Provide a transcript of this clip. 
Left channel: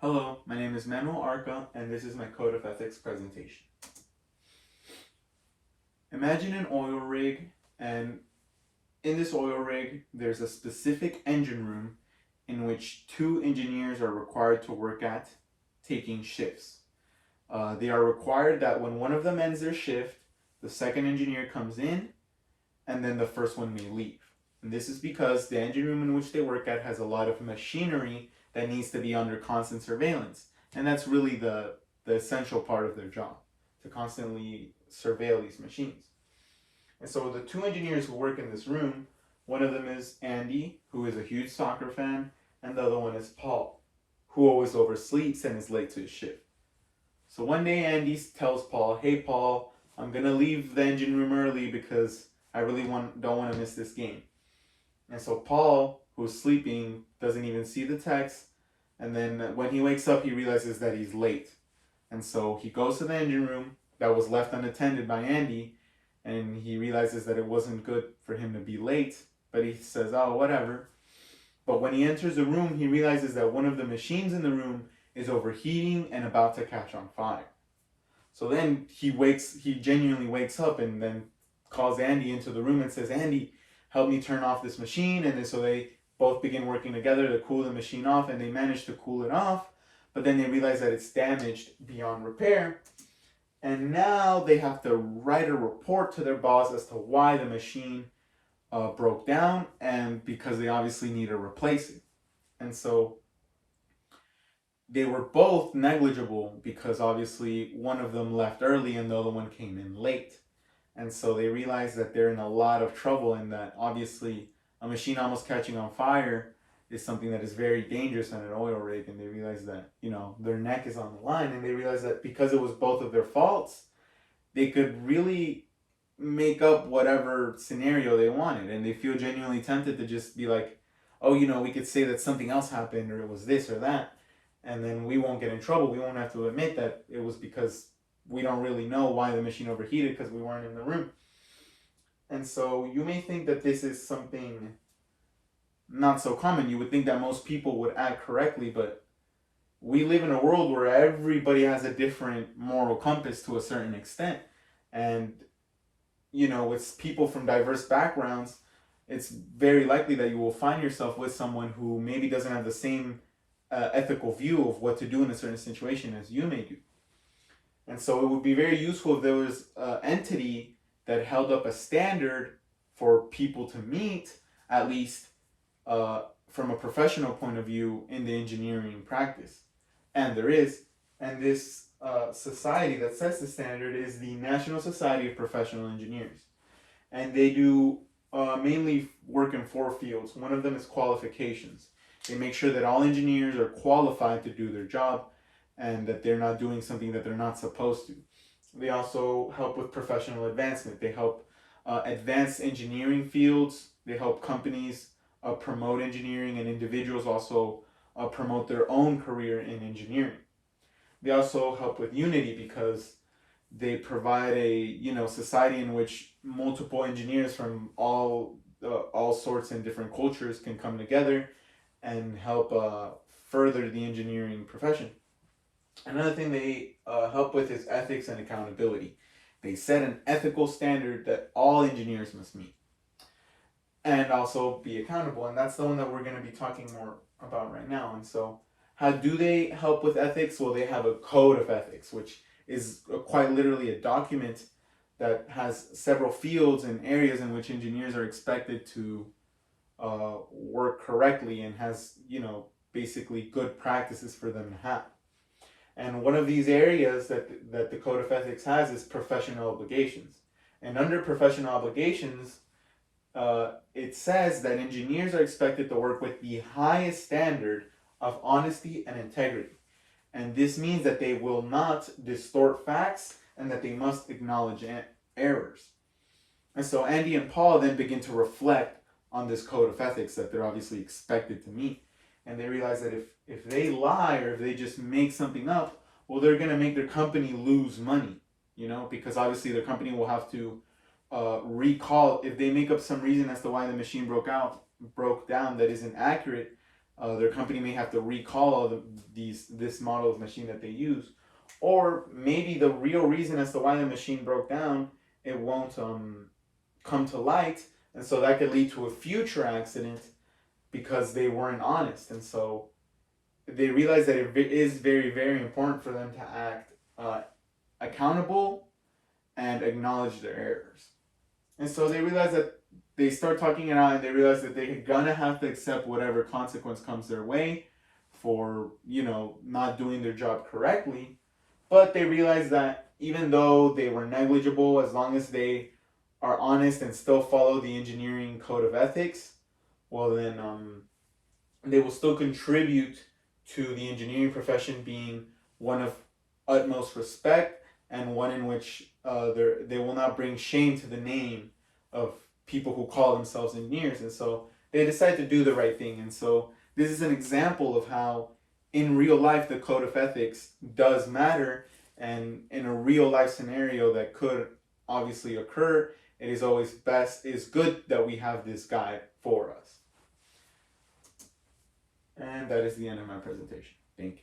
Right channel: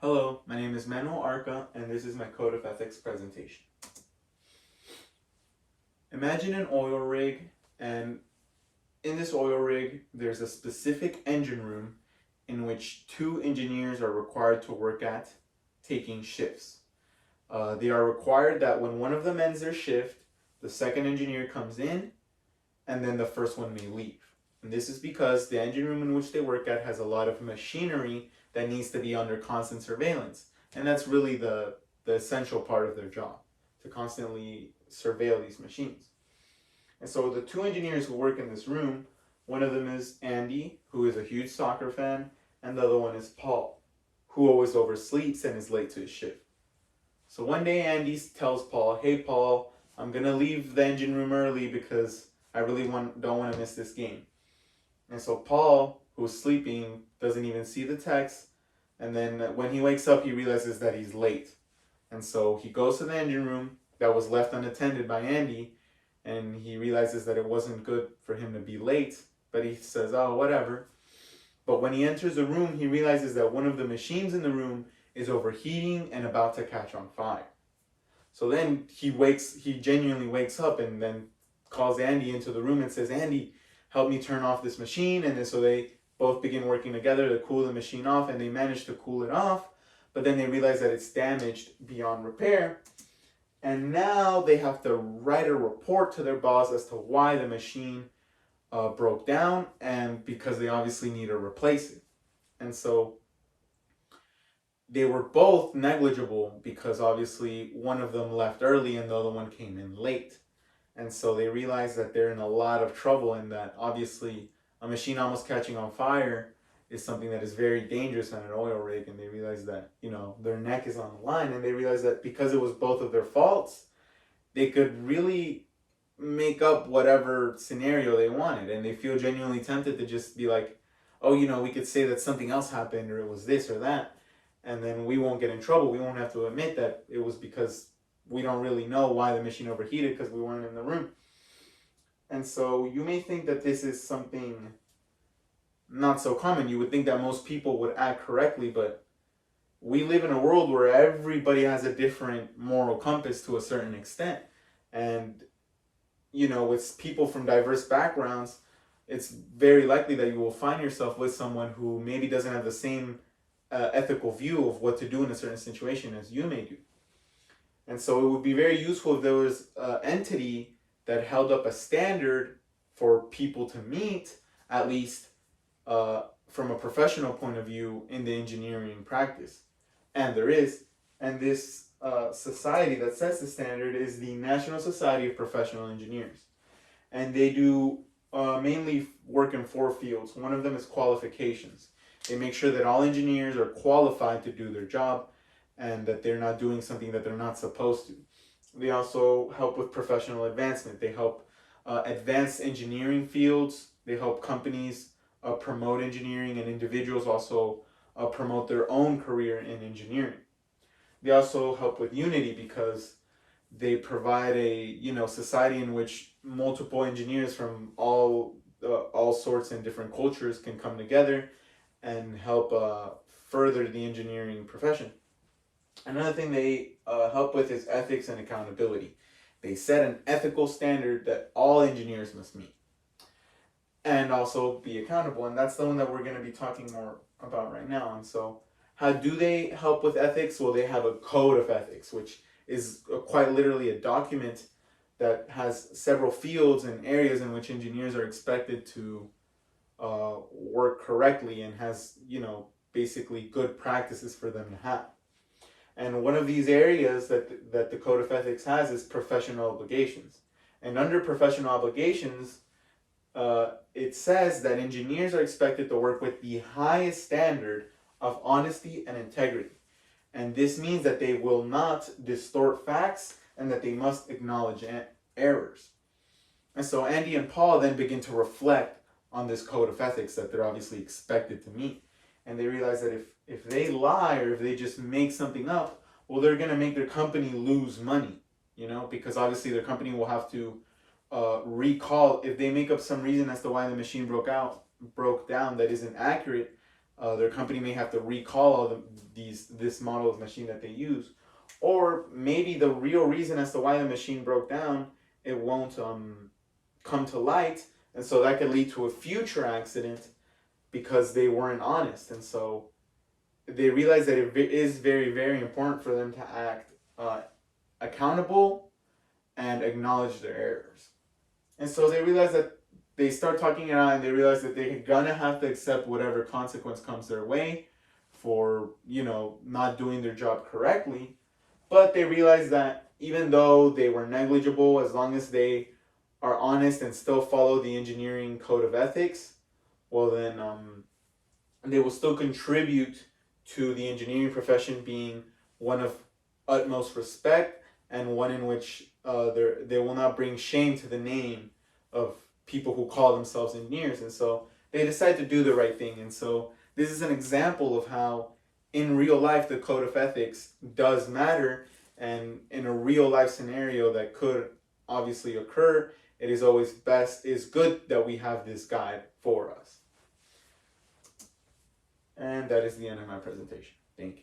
Hello, my name is Manuel Arca, and this is my Code of Ethics presentation. Imagine an oil rig, and in this oil rig, there's a specific engine room in which two engineers are required to work at, taking shifts. They are required that when one of them ends their shift, the second engineer comes in, and then the first one may leave. And this is because the engine room in which they work at has a lot of machinery that needs to be under constant surveillance. And that's really the essential part of their job, to constantly surveil these machines. And so the two engineers who work in this room, one of them is Andy, who is a huge soccer fan, and the other one is Paul, who always oversleeps and is late to his shift. So one day Andy tells Paul, "Hey Paul, I'm gonna leave the engine room early because I really don't want to miss this game." And so Paul, who's sleeping, doesn't even see the text. And then when he wakes up, he realizes that he's late. And so he goes to the engine room that was left unattended by Andy, and he realizes that it wasn't good for him to be late, but he says, "Oh, whatever." But when he enters the room, he realizes that one of the machines in the room is overheating and about to catch on fire. So then he genuinely wakes up and then calls Andy into the room and says, "Andy, help me turn off this machine." And then so they both begin working together to cool the machine off, and they manage to cool it off. But then they realize that it's damaged beyond repair. And now they have to write a report to their boss as to why the machine broke down, and because they obviously need to replace it. And so they were both negligible because obviously one of them left early and the other one came in late. And so they realize that they're in a lot of trouble, and that obviously a machine almost catching on fire is something that is very dangerous on an oil rig. And they realize that, their neck is on the line, and they realize that because it was both of their faults, they could really make up whatever scenario they wanted. And they feel genuinely tempted to just be like, "Oh, we could say that something else happened, or it was this or that, and then we won't get in trouble. We won't have to admit that it was because we don't really know why the machine overheated because we weren't in the room." And so you may think that this is something not so common. You would think that most people would act correctly, but we live in a world where everybody has a different moral compass to a certain extent. And, with people from diverse backgrounds, it's very likely that you will find yourself with someone who maybe doesn't have the same ethical view of what to do in a certain situation as you may do. And so it would be very useful if there was an entity that held up a standard for people to meet, at least from a professional point of view in the engineering practice. And there is. And this society that sets the standard is the National Society of Professional Engineers. And they do mainly work in four fields. One of them is qualifications. They make sure that all engineers are qualified to do their job and that they're not doing something that they're not supposed to. They also help with professional advancement. They help advance engineering fields. They help companies promote engineering, and individuals also promote their own career in engineering. They also help with unity because they provide a society in which multiple engineers from all sorts and different cultures can come together and help further the engineering profession. Another thing they help with is ethics and accountability. They set an ethical standard that all engineers must meet and also be accountable. And that's the one that we're going to be talking more about right now. And so, how do they help with ethics? Well, they have a code of ethics, which is quite literally a document that has several fields and areas in which engineers are expected to work correctly, and has, basically good practices for them to have. And one of these areas that the Code of Ethics has is professional obligations. And under professional obligations, it says that engineers are expected to work with the highest standard of honesty and integrity. And this means that they will not distort facts and that they must acknowledge errors. And so Andy and Paul then begin to reflect on this code of ethics that they're obviously expected to meet. And they realize that if they lie or if they just make something up, well, they're going to make their company lose money, because obviously their company will have to recall if they make up some reason as to why the machine broke down that isn't accurate. Their company may have to recall all this model of machine that they use, or maybe the real reason as to why the machine broke down, it won't come to light, and so that could lead to a future accident because they weren't honest. And so they realize that it is very, very important for them to act accountable and acknowledge their errors. And so they realize that they start talking it out, and they realize that they're gonna have to accept whatever consequence comes their way for, not doing their job correctly. But they realize that even though they were negligible, as long as they are honest and still follow the engineering code of ethics, well then they will still contribute to the engineering profession being one of utmost respect, and one in which they will not bring shame to the name of people who call themselves engineers. And so they decide to do the right thing. And so this is an example of how in real life the code of ethics does matter, and in a real life scenario that could obviously occur, it is good that we have this guide for us. And that is the end of my presentation. Thank you.